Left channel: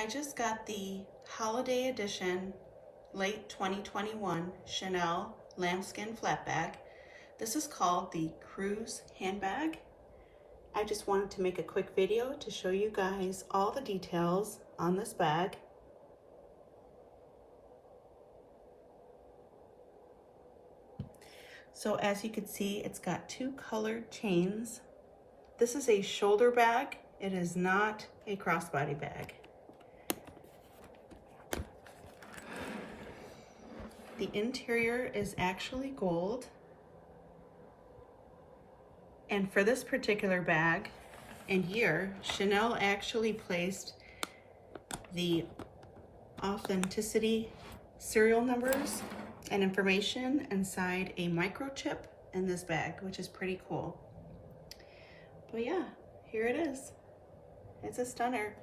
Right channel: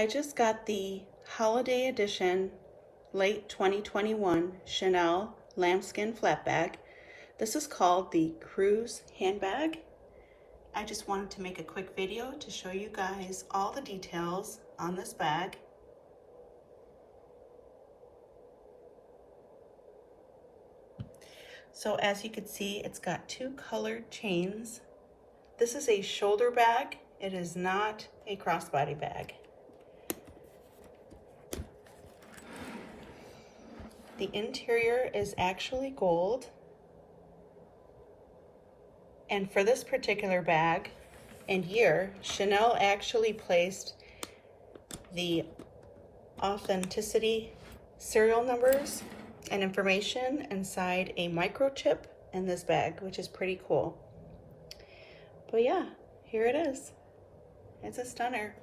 I just got the holiday edition late 2021 Chanel lambskin flat bag. This is called the Cruise handbag. I just wanted to make a quick video to show you guys all the details on this bag. So as you can see, it's got two colored chains. This is a shoulder bag. It is not a crossbody bag. The interior is actually gold. And for this particular bag and year, Chanel actually placed the authenticity serial numbers and information inside a microchip in this bag, which is pretty cool. But yeah, here it is. It's a stunner.